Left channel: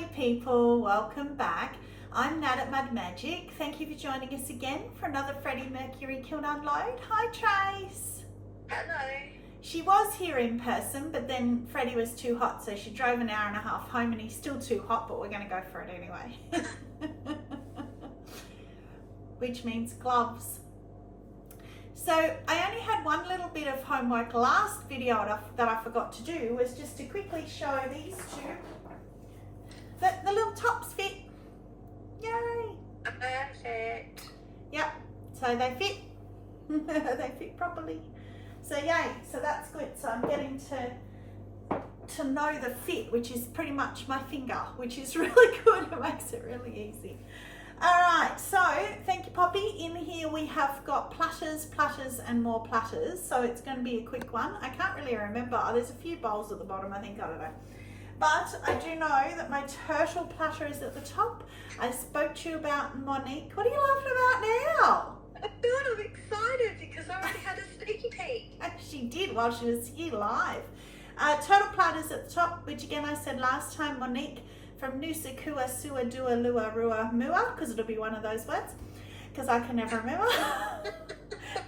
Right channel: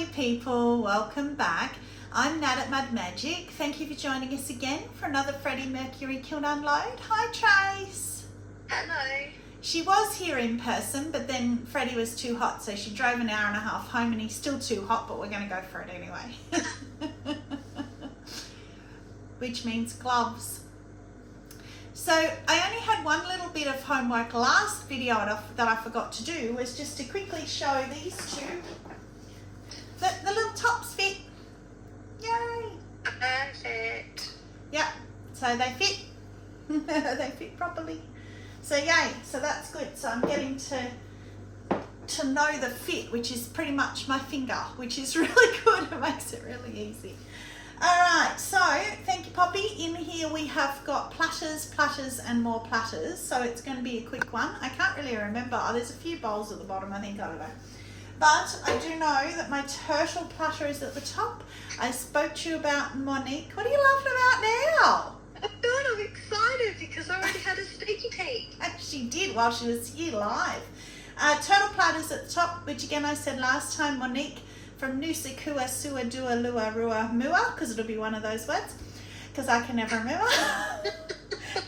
Howdy people, welcome back. I'm Nat at Mud Magic. Thank you for joining us again for another Freddie Mercury kiln unload. Hi Trace. Hello. She was here in person, but then Freddie was too hot, so she drove an hour and a half home, and he's still too hot, but we're going to go for it anyway. Which means gloves. So I only had one little bit of homework last video that I forgot to do, was just to quickly show these two. The little tops fit. Yay! Perfect. Yep, so they fit. They fit properly. So yay, so that's good. So I'm getting to know the fit, which is pretty much my finger, which is really good. It makes it really easy. All right, so thank you, Poppy. In here we have got platters, platters, and more platters. So it's going to be a quick one. I can't really remember. Oh, there's a few bowls at the bottom, I think. I don't know. But I do know that my turtle platter is at the top. I spoke to you about Monique. What are you laughing about now? Oh God, I'm excited because I already had a sneaky peek. She did while she was here live. Turtle platters at the top, which again I said last time, Monique from Nusa Kua Sua Dua Lua Rua Mua, because it'll be one of those words, because I can never remember.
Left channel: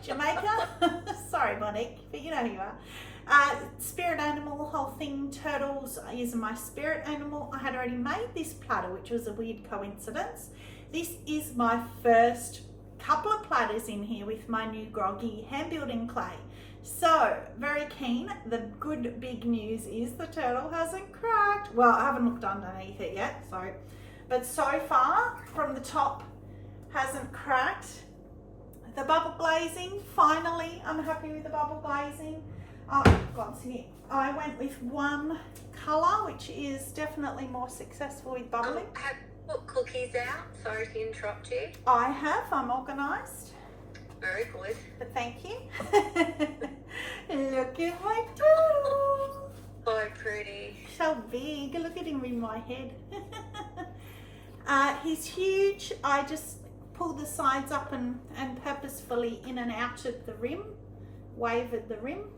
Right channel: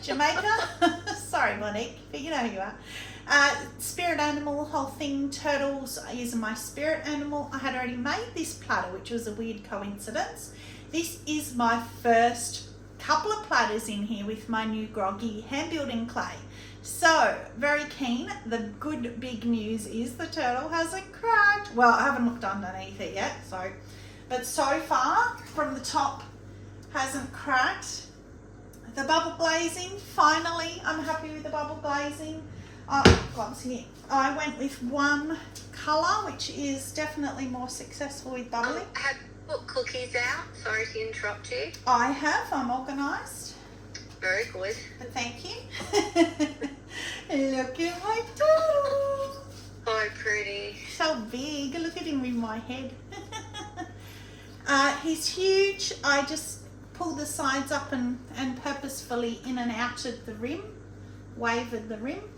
Jamaica. Sorry, Monique, but you know who you are. Spirit animal, whole thing, turtles is my spirit animal. I had already made this platter, which was a weird coincidence. This is my first couple of platters in here with my new groggy hand building clay. So very keen. The good big news is the turtle hasn't cracked. Well, I haven't looked underneath it yet, but so far from the top hasn't cracked. The bubble glazing, finally I'm happy with the bubble glazing. Gloves here. I went with one colour, which is definitely more successful with bubbling. Have you put cookies out? Sorry to interrupt you. I have. I'm organised. Very good. But thank you. Look at my turtle. So pretty. So big. Look at him in my head. He's huge. I just pull the sides up and purposefully in and out at the rim. Wavered the rim.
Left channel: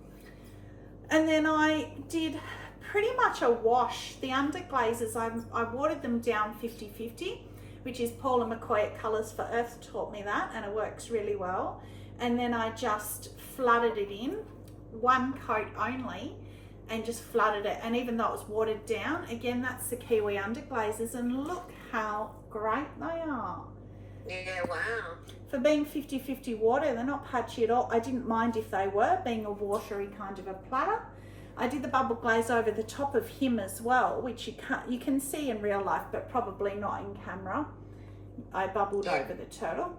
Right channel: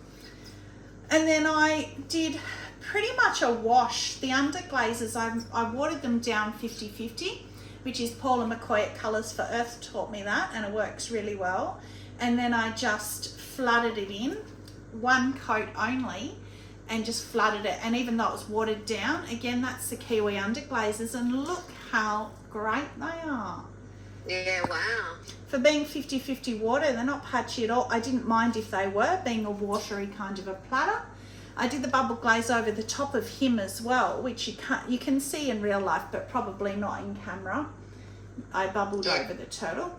And then I did pretty much a wash. The under glazes, I watered them down 50-50, which is Paula McCoy at Colours for Earth taught me that, and it works really well. And then I just flooded it in, one coat only, and just flooded it. And even though it was watered down, again, that's the Kiwi under glazes, and look how great they are. Yeah, wow. For being 50-50 water, they're not patchy at all. I didn't mind if they were, being a watery kind of a platter. I did the bubble glaze over the top of him as well, which you can see in real life, but probably not in camera. I bubbled over the turtle.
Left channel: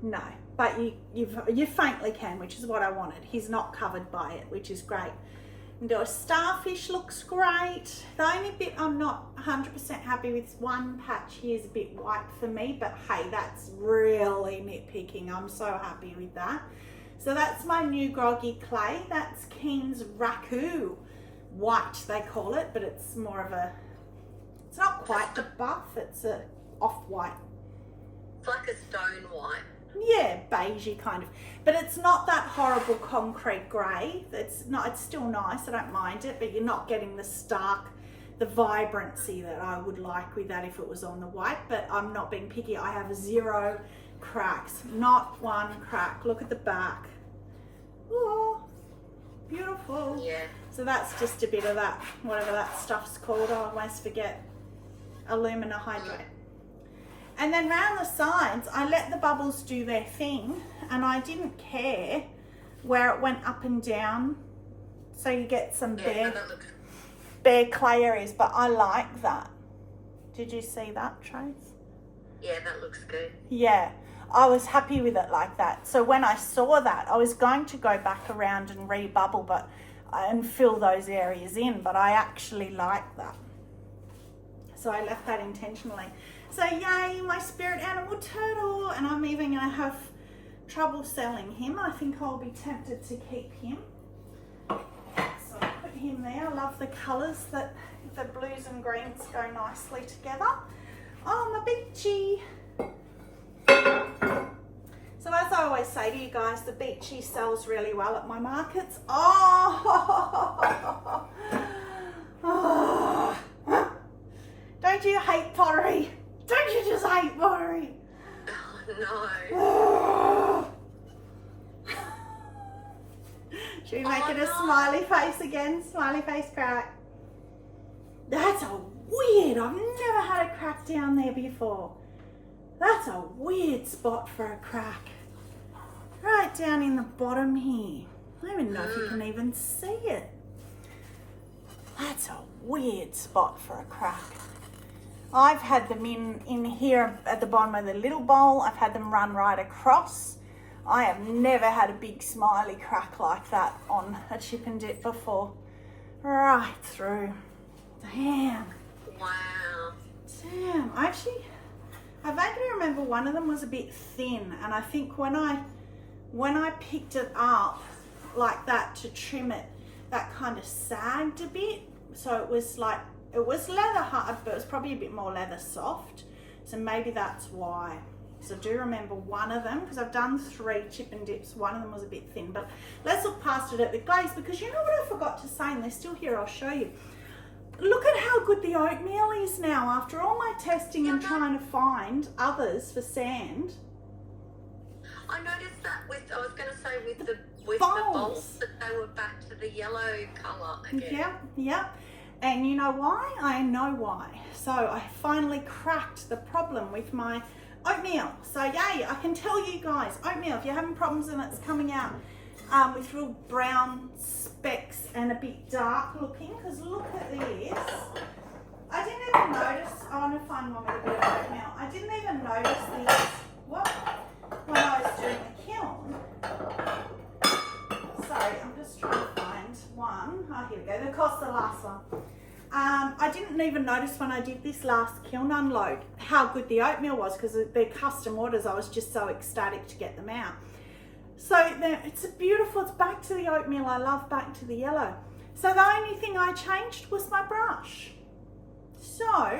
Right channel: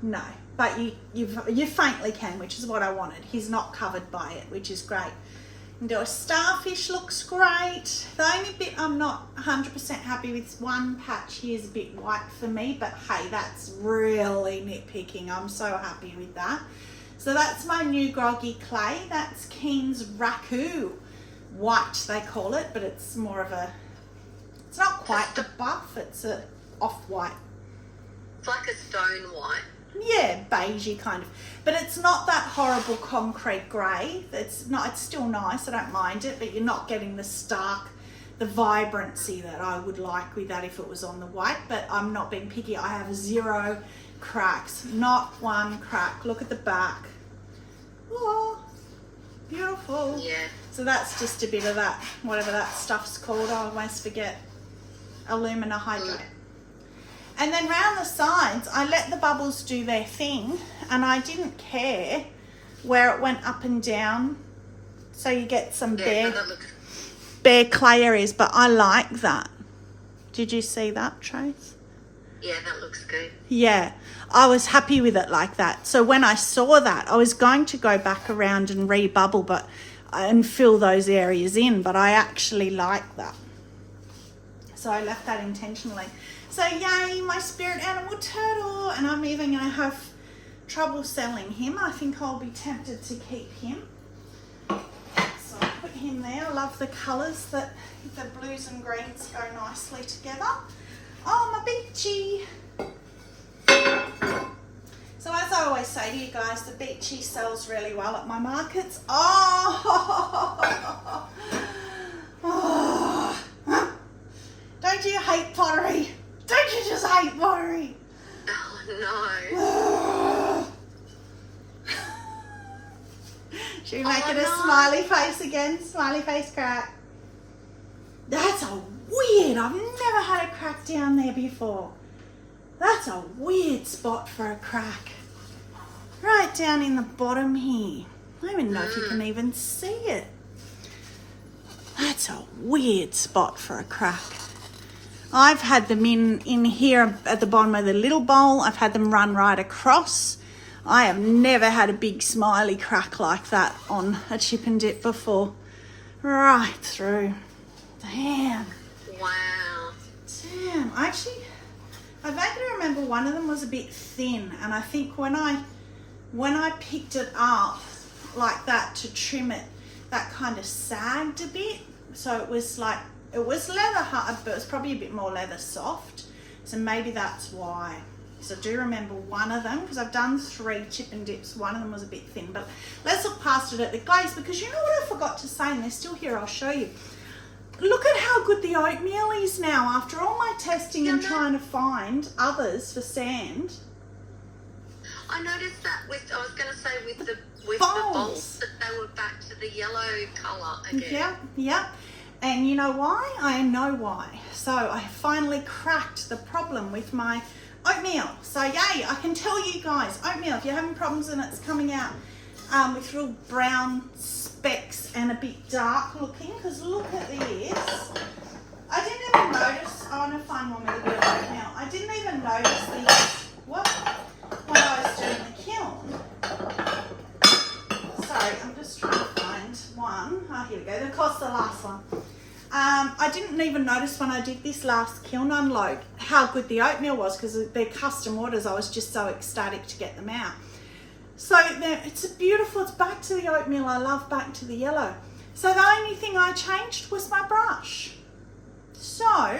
No, but you faintly can, which is what I wanted. He's not covered by it, which is great. And the starfish looks great. The only bit I'm not 100% happy with, one patch here is a bit white for me, but hey, that's really nitpicking. I'm so happy with that. So that's my new groggy clay. That's Keane's Raku white, they call it, but it's more of a, it's not quite the buff, it's a off-white. It's like a stone white. Yeah, beigey kind of, but it's not that horrible concrete grey. It's still nice, I don't mind it, but you're not getting the stark, the vibrancy that I would like with that if it was on the white. But I'm not being picky. I have 0 cracks, not one crack. Look at the back. Oh, beautiful. Yeah. So that's just a bit of that, whatever that stuff's called, I always forget, alumina hydrate. And then round the sides, I let the bubbles do their thing, and I didn't care where it went up and down. So you get some bare clay areas, but I like that. Did you see that, Trace? Yeah, that looks good. Yeah, I was happy with it like that. So when I saw that, I was going to go back around and rebubble and fill those areas in, but I actually like that. So I left that intentionally. So yay, my spirit animal turtle, and I'm even going to have trouble selling him. I think I'll be tempted to keep him. So I put him there. I love the colours, that the blues and greens go nicely together. Oh, my beachy. So as I always say to you guys, the beachy sells really well at my markets. Oh, pottery? Don't you just hate pottery? Oh, no. Should we make it a smiley face again? Smiley face crack. That's a weird. I've never had a crack down there before. That's a weird spot for a crack. Right down in the bottom here. I don't even know if you can even see it. That's a weird spot for a crack. I've had them in here at the bottom of the little bowl. I've had them run right across. I have never had a big smiley crack like that on a chip and dip before. Right through. Damn. Wow. Damn. I vaguely remember one of them was a bit thin, and I think when I picked it up like that to trim it, that kind of sagged a bit. So it was like, it was leather hard, but it was probably a bit more leather soft. So maybe that's why. So I do remember one of them, because I've done 3 chip and dips. One of them was a bit thin, but let's look past it at the glaze, because you know what I forgot to say, and they're still here, I'll show you. Look at how good the oatmeal is now after all my testing and trying to find others for sand. I noticed that I was going to say with the bowls. bowls, that they were back to the yellow colour again. Yeah. And you know why? I know why. So I finally cracked the problem with my oatmeal. So yay, I can tell you guys, oatmeal, if you're having problems and it's coming out with real brown specks and a bit dark looking, because look at this. I didn't even notice, I want to find one with a bit of oatmeal. I didn't even notice these, when I was doing the kiln. Sorry, I'm just trying to find one. Oh, here we go. Of course, the last one. I didn't even notice when I did this last kiln unload how good the oatmeal was, because they're custom orders. I was just so ecstatic to get them out. So it's beautiful. It's back to the oatmeal. I love back to the yellow. So the only thing I changed was my brush. So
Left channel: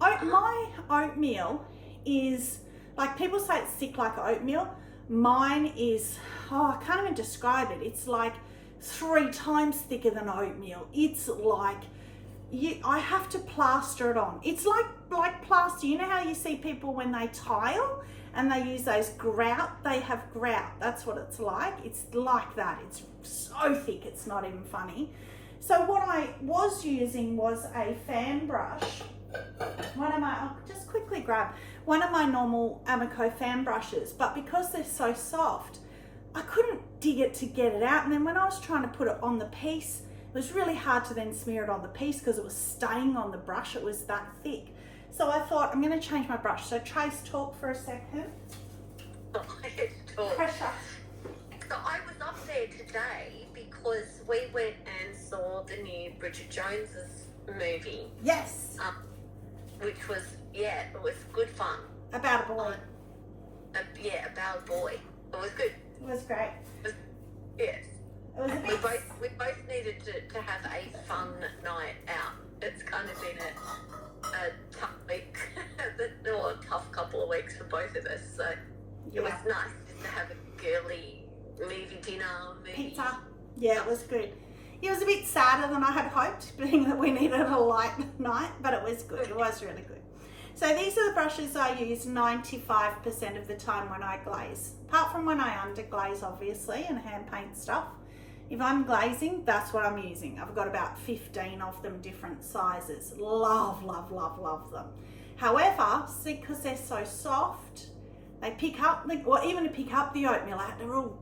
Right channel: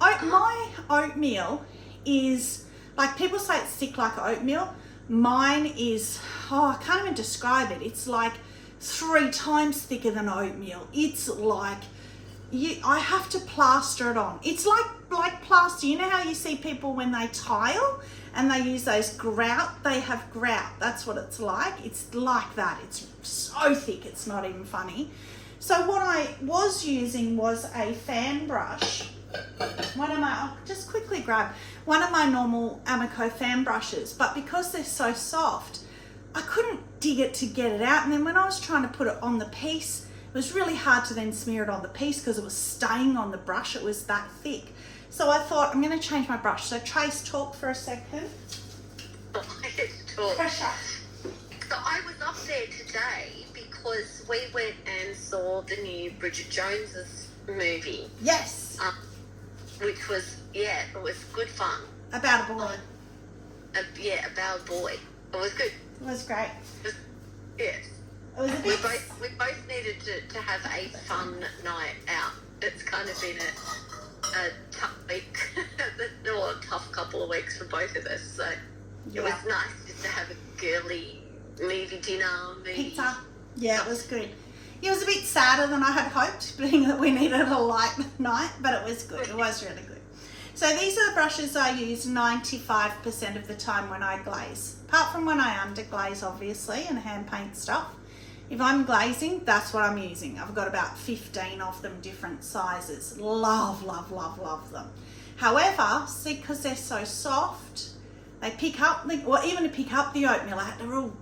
my oatmeal is, like people say it's thick like oatmeal. Mine is, I can't even describe it. It's like 3 times thicker than oatmeal. It's like, I have to plaster it on. It's like plaster. You know how you see people when they tile and they use those grout? They have grout. That's what it's like. It's like that. It's so thick, it's not even funny. So what I was using was a fan brush. I'll just quickly grab one of my normal Amaco fan brushes, but because they're so soft, I couldn't dig it to get it out. And then when I was trying to put it on the piece, it was really hard to then smear it on the piece because it was staying on the brush. It was that thick. So I thought, I'm going to change my brush. So Trace, talk for a second. Pressure. So I was up there today because we went and saw the new Bridget Jones's movie. Yes. Which was, it was good fun. About a boy. About a boy. It was good. It was great. Yes. It was a bit... We both needed to have a fun night out. It's kind of been a tough week, or a tough couple of weeks for both of us. So it was nice just to have a girly movie dinner. Pizza. Yeah, it was good. It was a bit sadder than I had hoped, being that we needed a light night, but it was good. It was really good. So these are the brushes I use 95% of the time when I glaze. Apart from when I underglaze, obviously, and hand paint stuff. If I'm glazing, that's what I'm using. I've got about 15 of them, different sizes. Love, love, love, love them. However, see, because they're so soft, they pick up, even to pick up the oatmeal, I had to really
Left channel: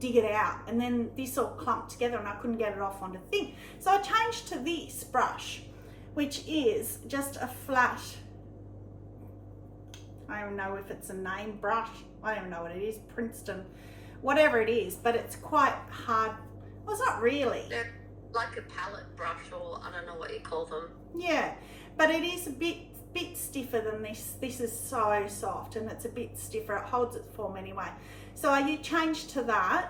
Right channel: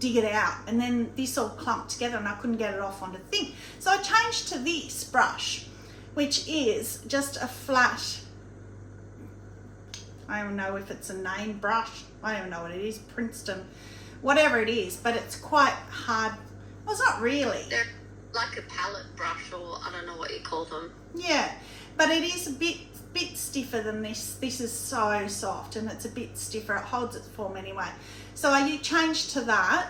dig it out, and then this all clumped together and I couldn't get it off onto the thing. So I changed to this brush, which is just a flat, I don't know if it's a name brush, I don't even know what it is, Princeton, whatever it is, but it's quite hard. Well, it's not really. They're like a palette brush, or I don't know what you call them. Yeah, but it is a bit stiffer than this. This is so soft and it's a bit stiffer. It holds its form anyway. So I changed to that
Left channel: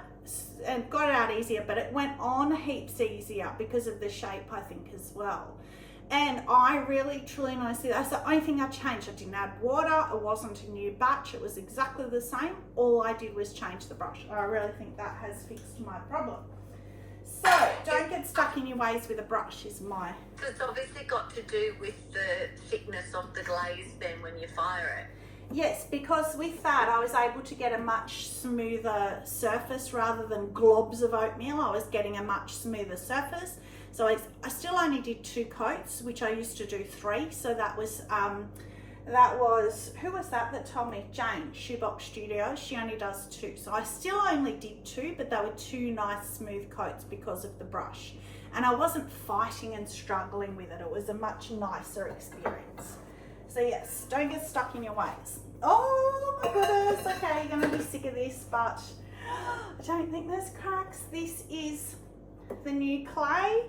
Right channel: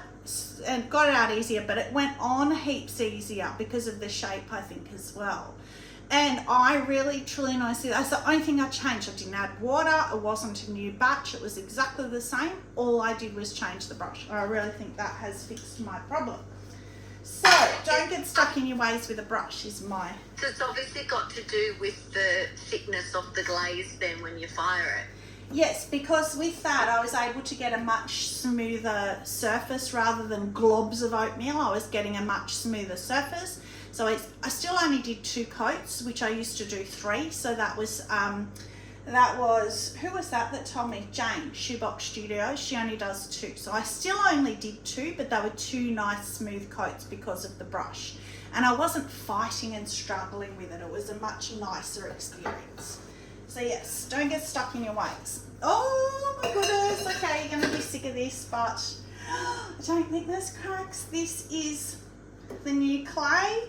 and got it out easier, but it went on heaps easier because of the shape, I think, as well. And I really, truly, and honestly, that's the only thing I changed. I didn't add water. It wasn't a new batch. It was exactly the same. All I did was change the brush. I really think that has fixed my problem. So don't get stuck in your ways with a brush is my... So it's obviously got to do with the thickness of the glaze then when you fire it. Yes, because with that I was able to get a much smoother surface rather than globs of oatmeal. I was getting a much smoother surface. So I still only did 2 coats, which I used to do 3. So that was, who was that told me? Jane, Shoebox Studio. She only does 2. So I still only did 2, but they were 2 nice smooth coats because of the brush. And I wasn't fighting and struggling with it. It was a much nicer experience. So yes, don't get stuck in your ways. Oh my goodness, okay, you're gonna be sick of this, but I don't think there's cracks. This is the new clay.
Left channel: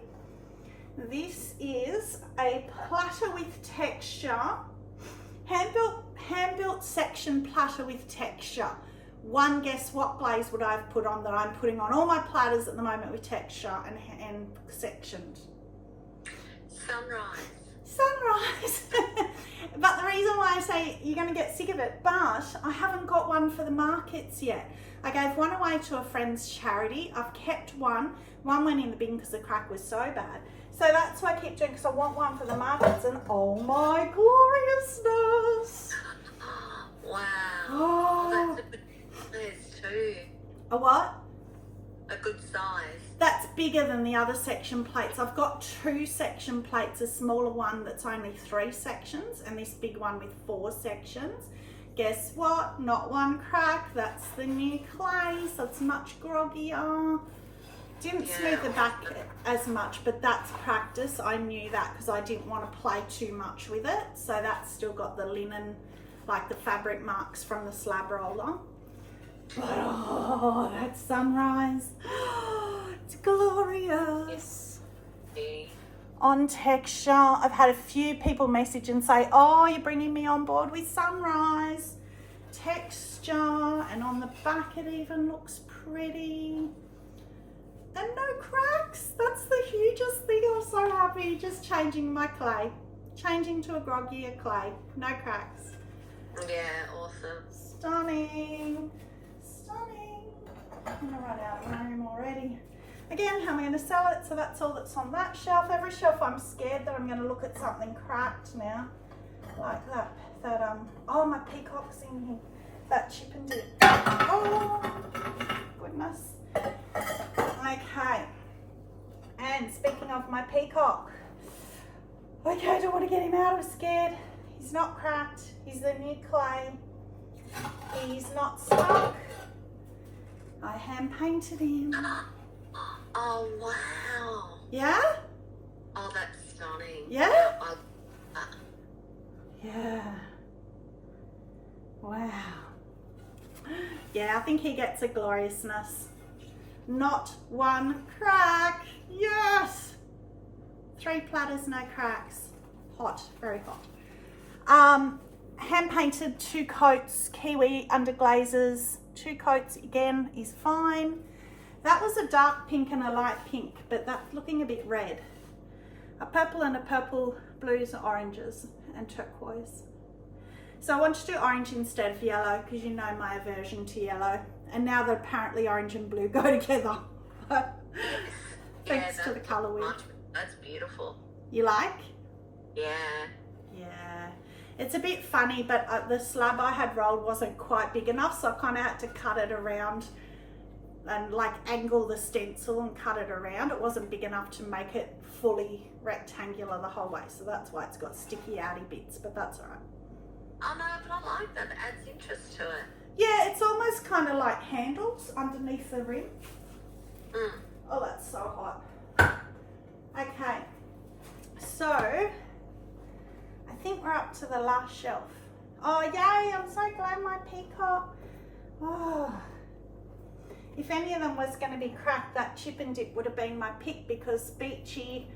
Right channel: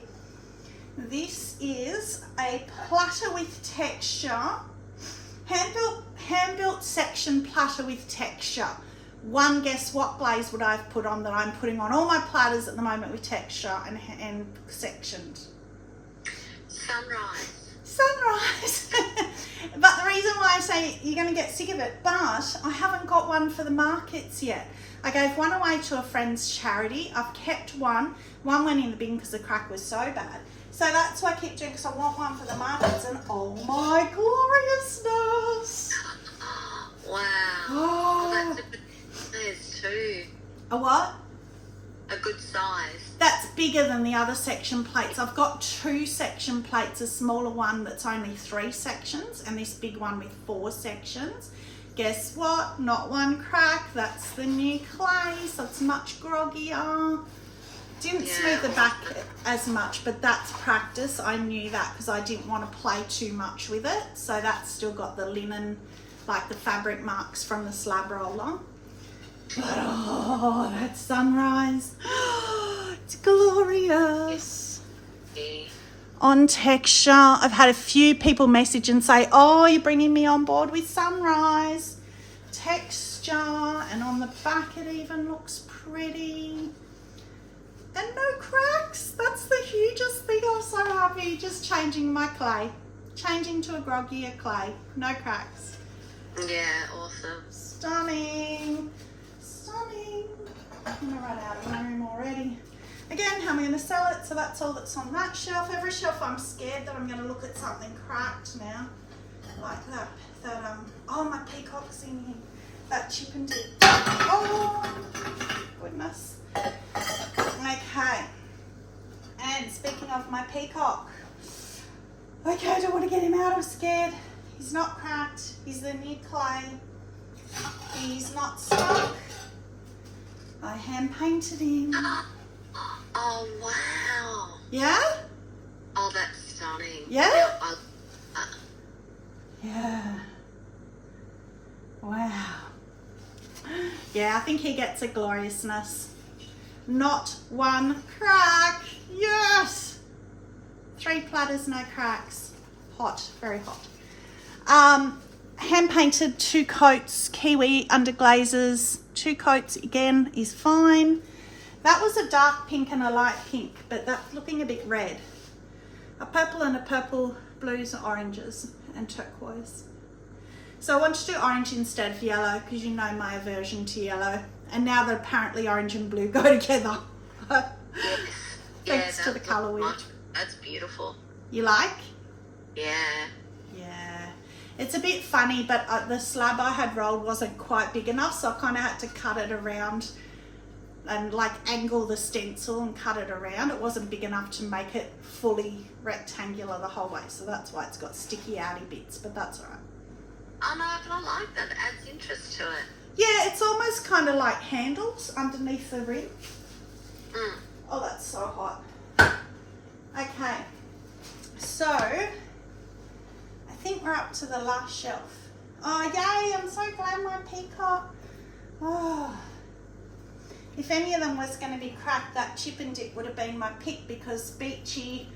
This is a platter with texture, hand-built section platter with texture. One guess what glaze would I have put on that I'm putting on all my platters at the moment with texture and sectioned? Sunrise. But the reason why I say you're going to get sick of it, but I haven't got one for the markets yet. I gave one away to a friend's charity. I've kept one. One went in the bin because the crack was so bad. So that's why I keep doing, because I want one for the markets. And oh my gloriousness. Wow. Oh. Well, that's a good size too. A what? A good size. That's bigger than the other section plates. I've got 2 section plates, a smaller one that's only 3 sections and this big one with 4 sections. Guess what? Not one crack. That's the new clay, so it's much groggier. Didn't smooth the back as much, but that's practice. I knew that because I didn't want to play too much with it. So that's still got the linen, like the fabric marks from the slab roller. But oh, that sunrise. It's glorious. On texture, I've had a few people message and say, oh, you're bringing me on board with sunrise. Texture, and on the back it even looks pretty. And no cracks. That's the hugest thing. I'm so happy. Just changing my clay. Changing to a groggier clay. No cracks. Yeah, awesome. Stunning. Stunning. I'm going to run out of room already. Again, how am I going to sell it? So that's all that's on that shelf. Every shelf I'm scared that I'm going to look at something cracked now. Like that. Oh, my peacock's in here. That chip and dip. Oh, goodness. Okay. And speaking of my peacock. Okay, I don't want to get him out. I'm scared. He's not cracked. He's the new clay. He's not stuck. I hand painted him. Oh, wow. Yeah? Oh, that's stunning. Yeah? Yeah. Wow. Yeah, I think he gets a gloriousness. Not one crack. Yes! 3 platters, no cracks. Hot, very hot. Hand painted 2 coats, kiwi under glazes. 2 coats again is fine. That was a dark pink and a light pink, but that's looking a bit red. A purple and a purple, blues and oranges and turquoise. So I want to do orange instead of yellow because you know my aversion to yellow. And now that apparently orange and blue go together. Thanks to the colour wheel. That's beautiful. You like? Yeah. Yeah. It's a bit funny, but the slab I had rolled wasn't quite big enough, so I kind of had to cut it around and like angle the stencil and cut it around. It wasn't big enough to make it fully rectangular the whole way, so that's why it's got sticky outy bits, but that's all right. Oh no, but I like that. It adds interest to it. Yeah, it's almost kind of like handles underneath the rim. Mm. Oh, that's so hot. Okay, so I think we're up to the last shelf. Oh, yay, I'm so glad my peacock. Oh. If any of them was going to be cracked, that chip and dip would have been my pick because beachy,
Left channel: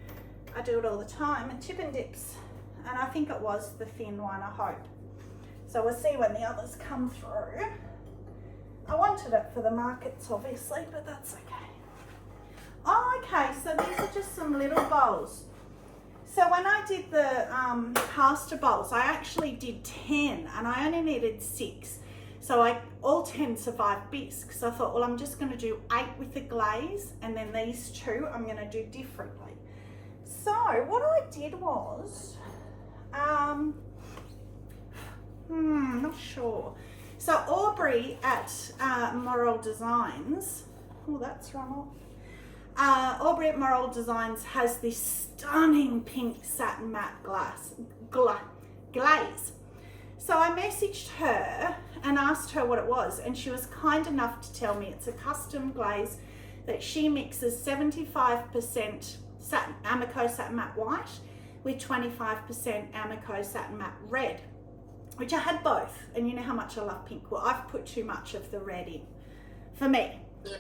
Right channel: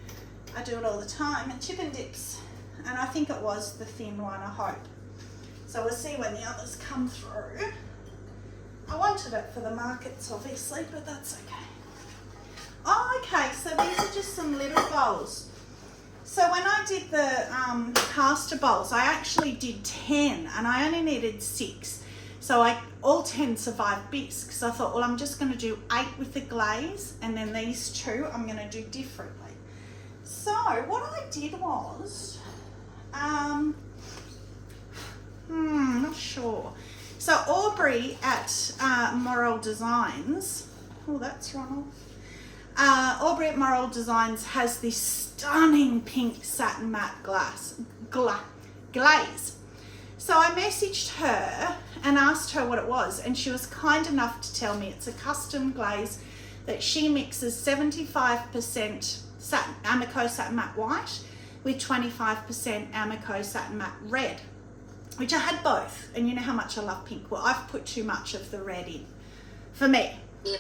I do it all the time, and chip and dips. And I think it was the thin one, I hope. So we'll see when the others come through. I wanted it for the markets, obviously, but that's okay. Oh, okay, so these are just some little bowls. So when I did the caster bowls, I actually did 10 and I only needed 6. So all 10 survived bisque. So I thought, well, I'm just going to do 8 with the glaze, and then these 2 I'm going to do differently. So what I did was, not sure. So Aubrey at Moral Designs, oh, that's run off. Aubrey at Moral Designs has this stunning pink satin matte glaze. So I messaged her and asked her what it was, and she was kind enough to tell me it's a custom glaze that she mixes 75% Amaco satin matte white with 25% Amaco satin matte red, which I had both, and you know how much I love pink. Well, I've put too much of the red in for me. Yeah.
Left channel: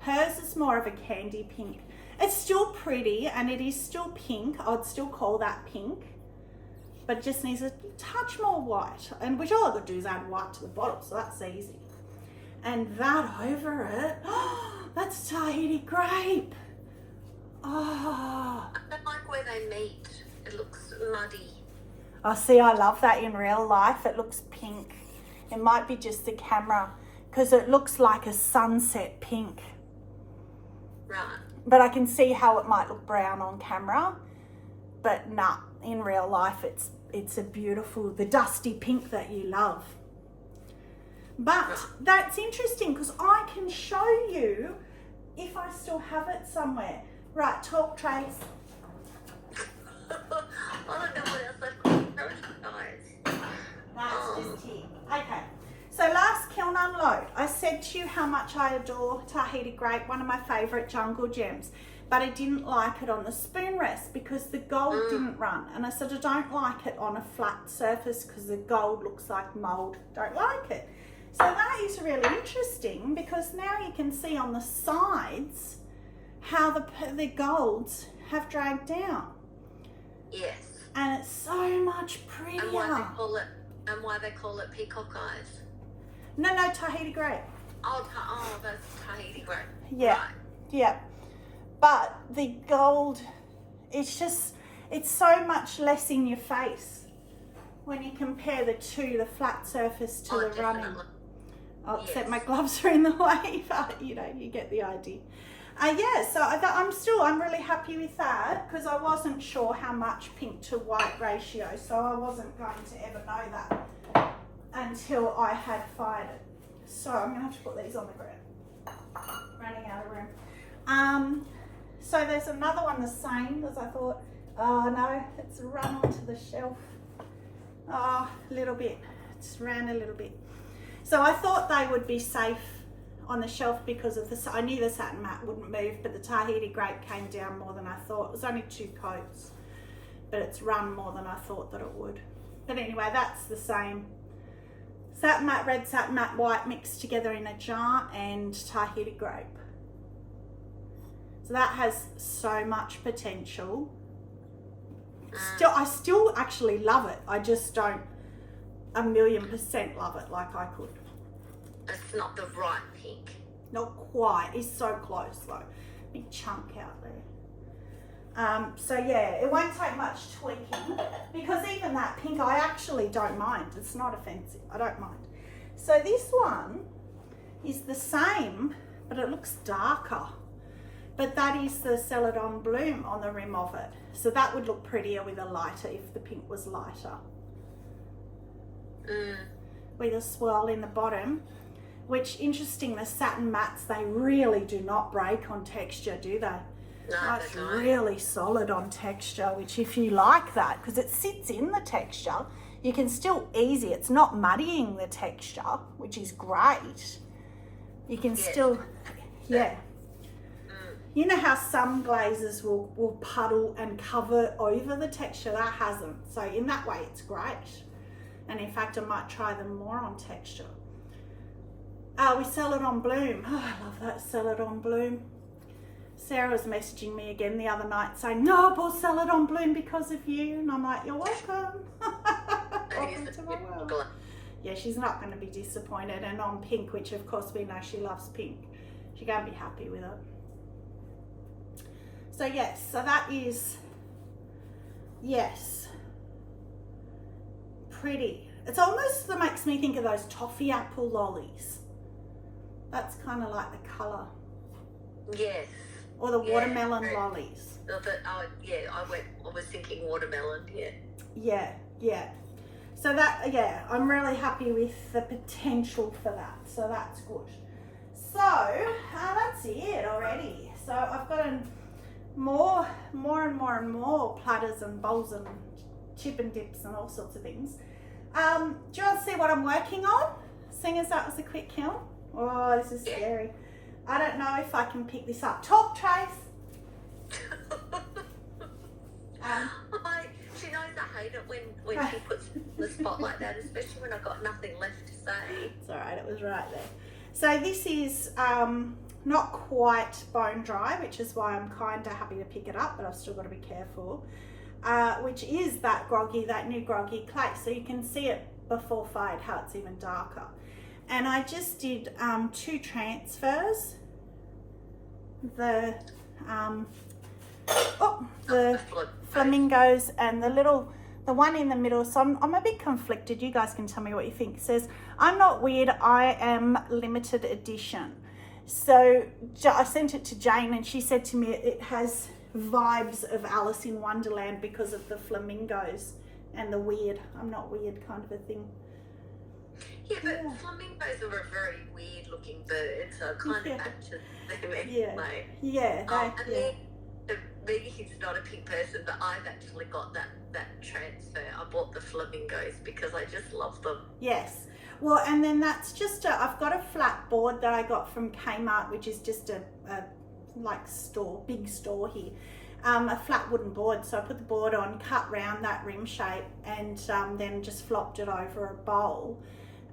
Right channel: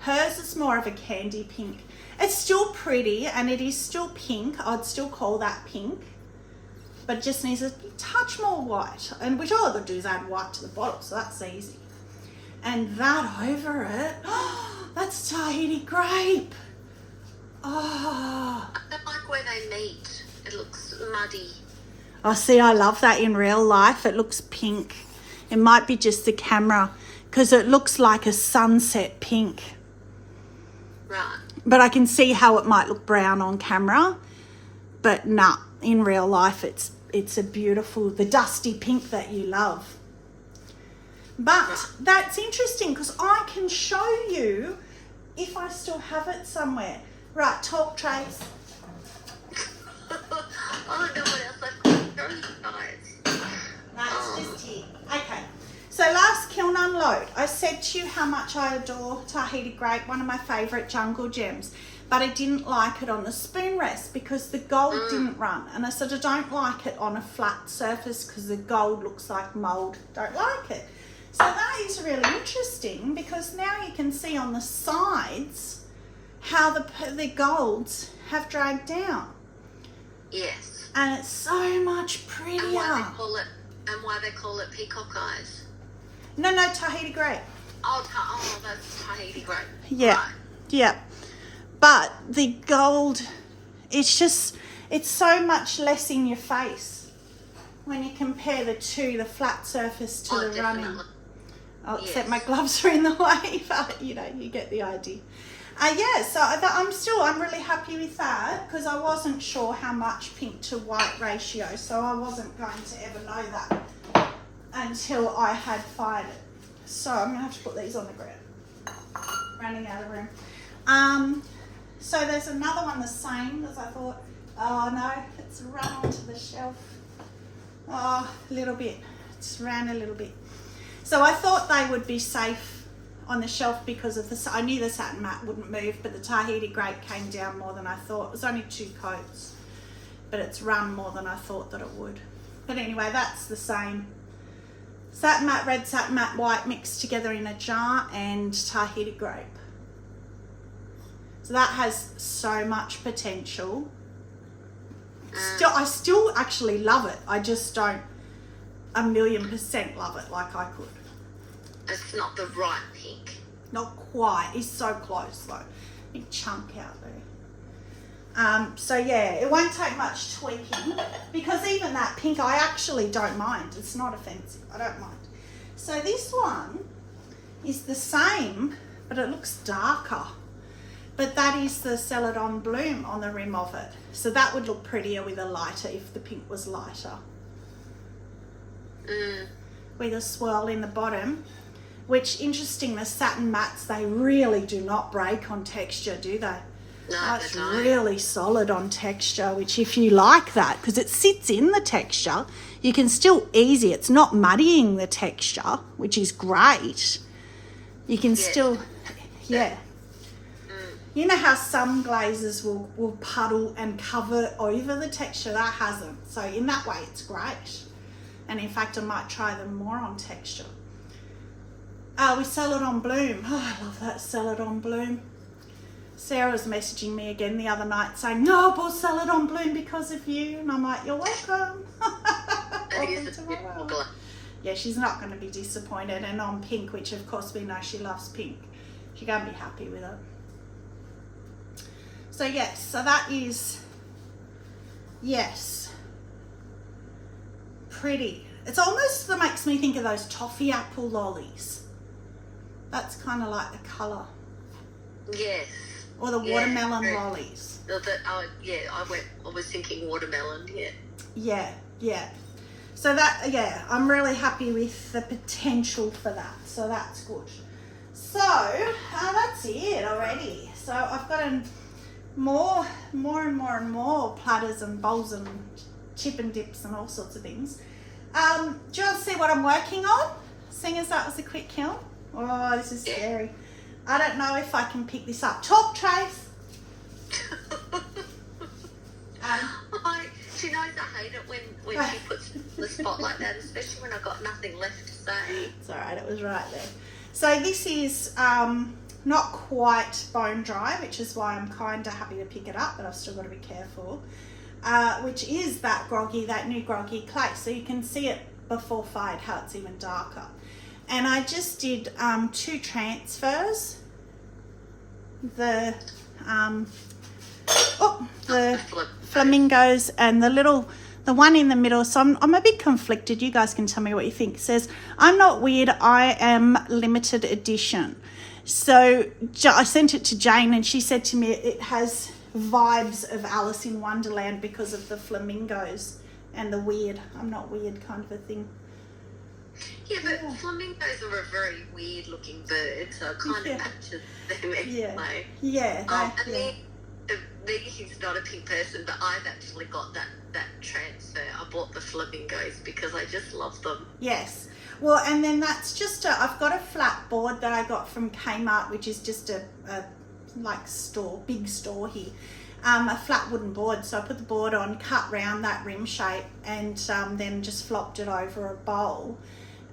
Hers is more of a candy pink. It's still pretty, and it is still pink. I'd still call that pink, but it just needs a touch more white, and which all I could do is add white to the bottle, so that's easy. And that over it, that's Tahiti grape. Oh, I don't like where they meet. It looks muddy. I see. I love that in real life. It looks pink. It might be just the camera, because it looks like a sunset pink. Right. But I can see how it might look brown on camera. But nah, in real life, it's a beautiful, the dusty pink that you love. But that's interesting, because I can show you if I still have it somewhere. Right, talk, Trace. I don't know what else I've got. Very nice. That's just it. Okay. So last kiln unload, I said to you how much I adore Tahiti grape, one of my favourite jungle gems. But I didn't like it on the spoon rest because the gold didn't run. And I said I don't like it on a flat surface because the gold looks like mould. Don't like it. So that is really interesting, because now you can see on the sides how the golds have dragged down. Yes. And it's so much prettier. And why they call it peacock eyes. No, Tahiti grape. Oh, that's Tahiti grape. Yeah, Right. yeah. But the gold, it's so much less in your face when you compare the two, the flat surface to the running. Definitely. Oh, Yes. except my gloves are in the way, but you get the idea. Yeah, so I'm really happy with that, because I wasn't sure how much pink to white ratio, so I wasn't going to ever know that until I had fired it. So I'm going to have to put these on the ground. Running out of room. So there's another one the same, because I thought, oh no, it's run onto the shelf. Oh, a little bit. It's ran a little bit. So I thought they would be safe on the shelf because of I knew the satin matte wouldn't move, but the Tahiti grape came down more than I thought. It was only 2 coats, but it's run more than I thought that it would. But anyway, that's the same. Satin matte red, satin matte white mixed together in a jar, and Tahiti grape. So that has so much potential. I still actually love it. I just don't 1,000,000% love it like I could. It's not the right pink. Not quite. It's so close though. Big chunk out there. So yeah, it won't take much tweaking, because even that pink I actually don't mind. It's not offensive. I don't mind. So this one is the same, but it looks darker. But that is the Celadon Bloom on the rim of it. So that would look prettier with a lighter if the pink was lighter. With a swirl in the bottom. Which, interesting, the satin mattes, they really do not break on texture, do they? No, It's they don't. really solid on texture, which if you like that, because it sits in the texture, you can still ease it. It's not muddying the texture, which is great. You can still, yeah. You know how some glazes will puddle and cover over the texture? That hasn't. So in that way, it's great. And in fact, I might try them more on texture. With Celadon Bloom. Oh, I love that Celadon Bloom. Sarah was messaging me again the other night saying, no, I bought Celadon Bloom because of you. And I'm like, you're welcome. Welcome to my world. Yeah, she's not going to be disappointed. And on pink, which of course we know she loves pink, she's going to be happy with it. So yes, so that is, yes, pretty. It's almost that makes me think of those toffee apple lollies. That's kind of like the colour. Yes. Or the watermelon lollies. I was thinking watermelon, Yeah. So that, I'm really happy with the potential for that. So that's good. So that's it already. So I've got more and more platters and bowls and chip and dips and all sorts of things. Do you want to see what I'm working on? Seeing as that was a quick kiln. Oh, this is scary. I don't know if I can pick this up. Talk, Trace. She knows I hate it when she puts the spot like that, especially when I've got nothing left to say. It's all right, it was right there. So this is not quite bone dry, which is why I'm kind of happy to pick it up, but I've still got to be careful. Which is that new groggy clay. So you can see it before fade, how it's even darker. And I just did 2 transfers. The flamingos and the one in the middle. So I'm a bit conflicted. You guys can tell me what you think. It says, I'm not weird, I am limited edition. So I sent it to Jane and she said to me it has vibes of Alice in Wonderland because of the flamingos and the weird, I'm not weird kind of a thing. Yeah, but flamingos are a very weird looking bird, so it kind of matches them anyway. He's not a pink person, but I've actually got that transfer. I bought the flamingos because I just love them. Yes. Well, and then that's just I've got a flat board that I got from Kmart, which is just a big store here. A flat wooden board. So I put the board on, cut round that rim shape, and then just flopped it over a bowl.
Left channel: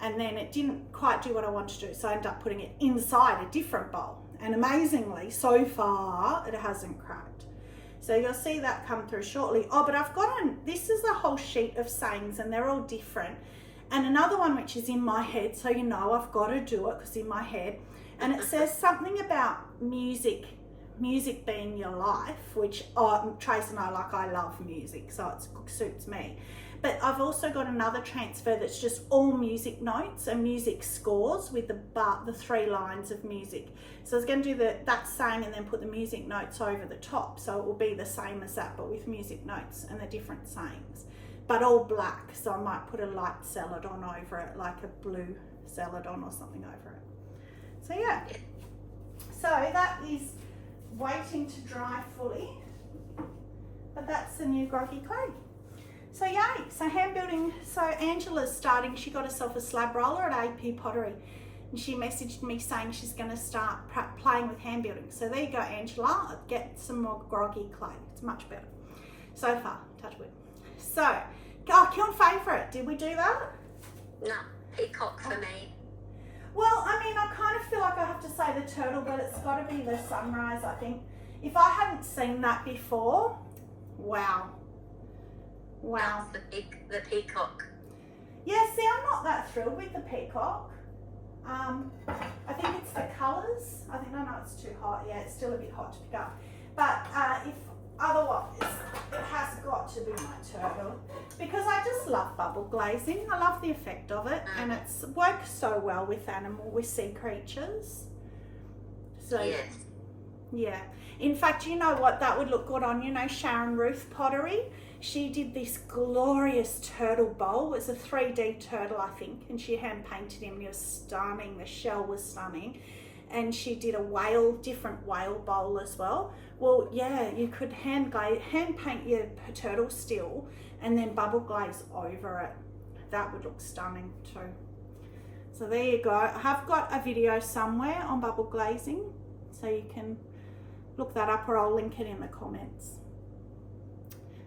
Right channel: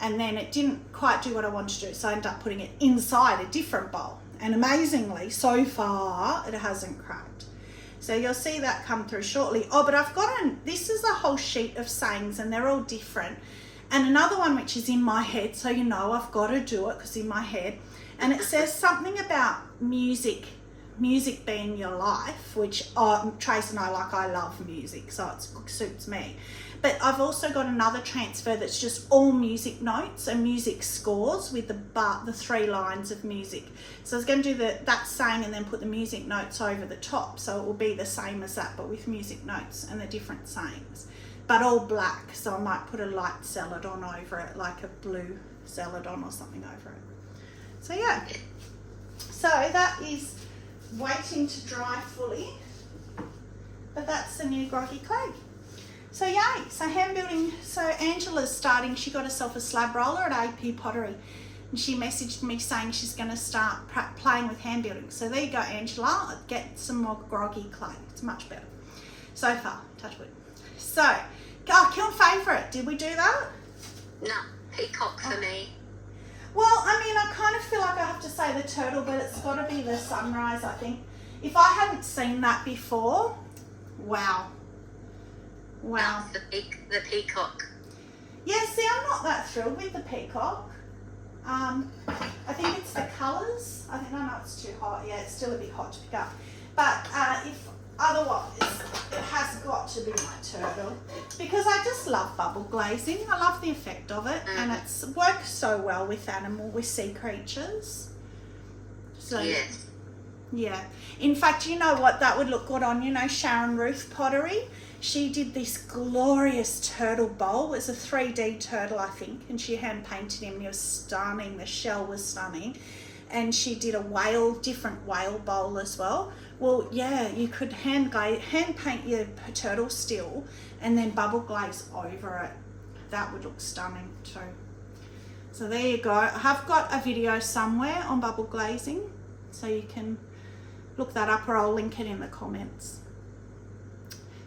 And then it didn't quite do what I wanted to do, so I ended up putting it inside a different bowl. And amazingly, so far, it hasn't cracked. So you'll see that come through shortly. Oh, but I've got this is a whole sheet of sayings, and they're all different. And another one which is in my head, so you know I've got to do it because in my head. And it says something about music being your life, which Trace and I love music, so it suits me. But I've also got another transfer that's just all music notes and music scores with the 3 lines of music. So I was going to do that saying and then put the music notes over the top. So it will be the same as that, but with music notes and the different sayings. But all black, so I might put a light celadon over it, like a blue celadon or something over it. So yeah. So that is waiting to dry fully. But that's the new groggy clay. So yay, so hand building. So Angela's starting, she got herself a slab roller at AP Pottery and she messaged me saying she's going to start playing with hand building. So there you go, Angela, get some more groggy clay. It's much better so far, touch wood. So, kiln favourite, did we do that? No, peacock for me. Well, I mean, I kind of feel like I have to say the turtle, but it's got to be the sunrise, I think. If I hadn't seen that before, wow. The peacock. Yeah, see, I'm not that thrilled with the peacock. I think it's the colours. I think, no, it's too hot. Yeah, it's still a bit hot to pick up. But if otherwise, it has got to be my turtle. Because I just love bubble glazing. I love the effect of it. And it works so well with sea creatures. So, yes. Yeah. In fact, you know what? That would look good on, Sharon Ruth Pottery. She did this glorious turtle bowl. It's a 3D turtle, I think, and she hand painted him. He was stunning. The shell was stunning. And she did a different whale bowl as well. Well, yeah, you could hand paint your turtle still and then bubble glaze over it. That would look stunning too. So there you go. I have got a video somewhere on bubble glazing, so you can look that up, or I'll link it in the comments.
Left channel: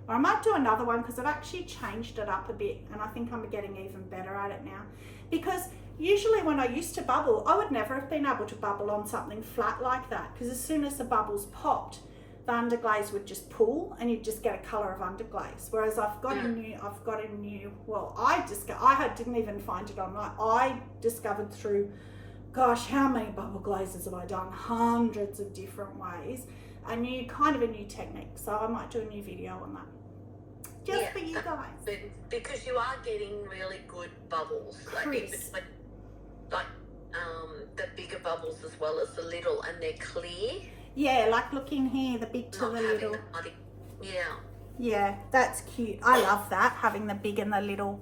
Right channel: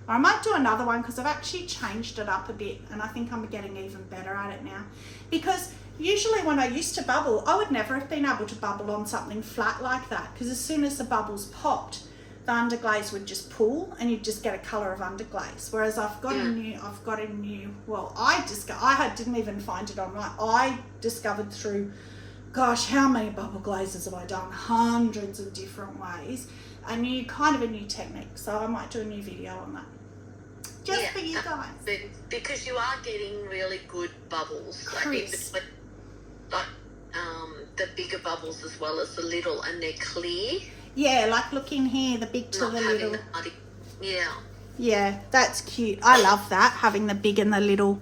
I might do another one because I've actually changed it up a bit and I think I'm getting even better at it now. Because usually when I used to bubble, I would never have been able to bubble on something flat like that, because as soon as the bubbles popped, the underglaze would just pull and you'd just get a colour of underglaze. Whereas I didn't even find it online. I discovered through, gosh, how many bubble glazes have I done? Hundreds of different ways. A new technique, so I might do a new video on that. just for you guys. Because you are getting really good bubbles, like in Crisp. between, like the bigger bubbles as well as the little, and they're clear. Yeah, like look in here, the big to Not the having little. the muddy. Yeah. Yeah, that's cute. I love that, having the big and the little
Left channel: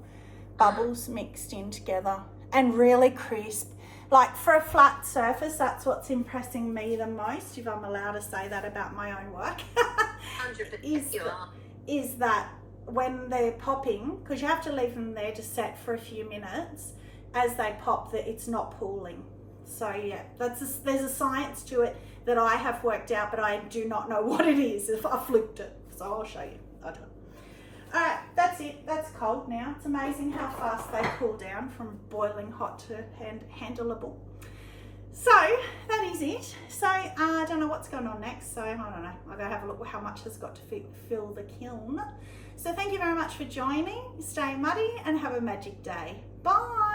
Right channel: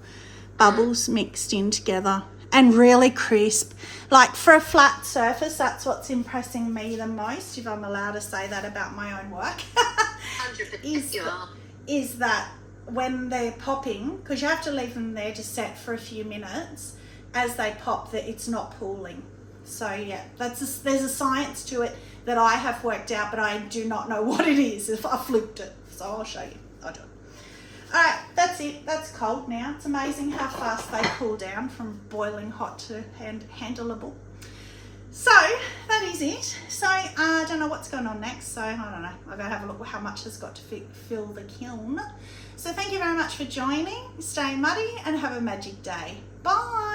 bubbles mixed in together and really crisp. Like for a flat surface, that's what's impressing me the most, if I'm allowed to say that about my own work. 100% you are. Is that when they're popping, because you have to leave them there to set for a few minutes, as they pop, that it's not pooling. So yeah, there's a science to it that I have worked out, but I do not know what it is. If I flipped it, so I'll show you. I'll do it. All right, that's it. That's cold now. It's amazing how fast they cool down from boiling hot to handleable. So that is it. So I don't know what's going on next. So I don't know. I've got to have a look at how much has got to fill the kiln. So thank you very much for joining. Stay muddy and have a magic day. Bye.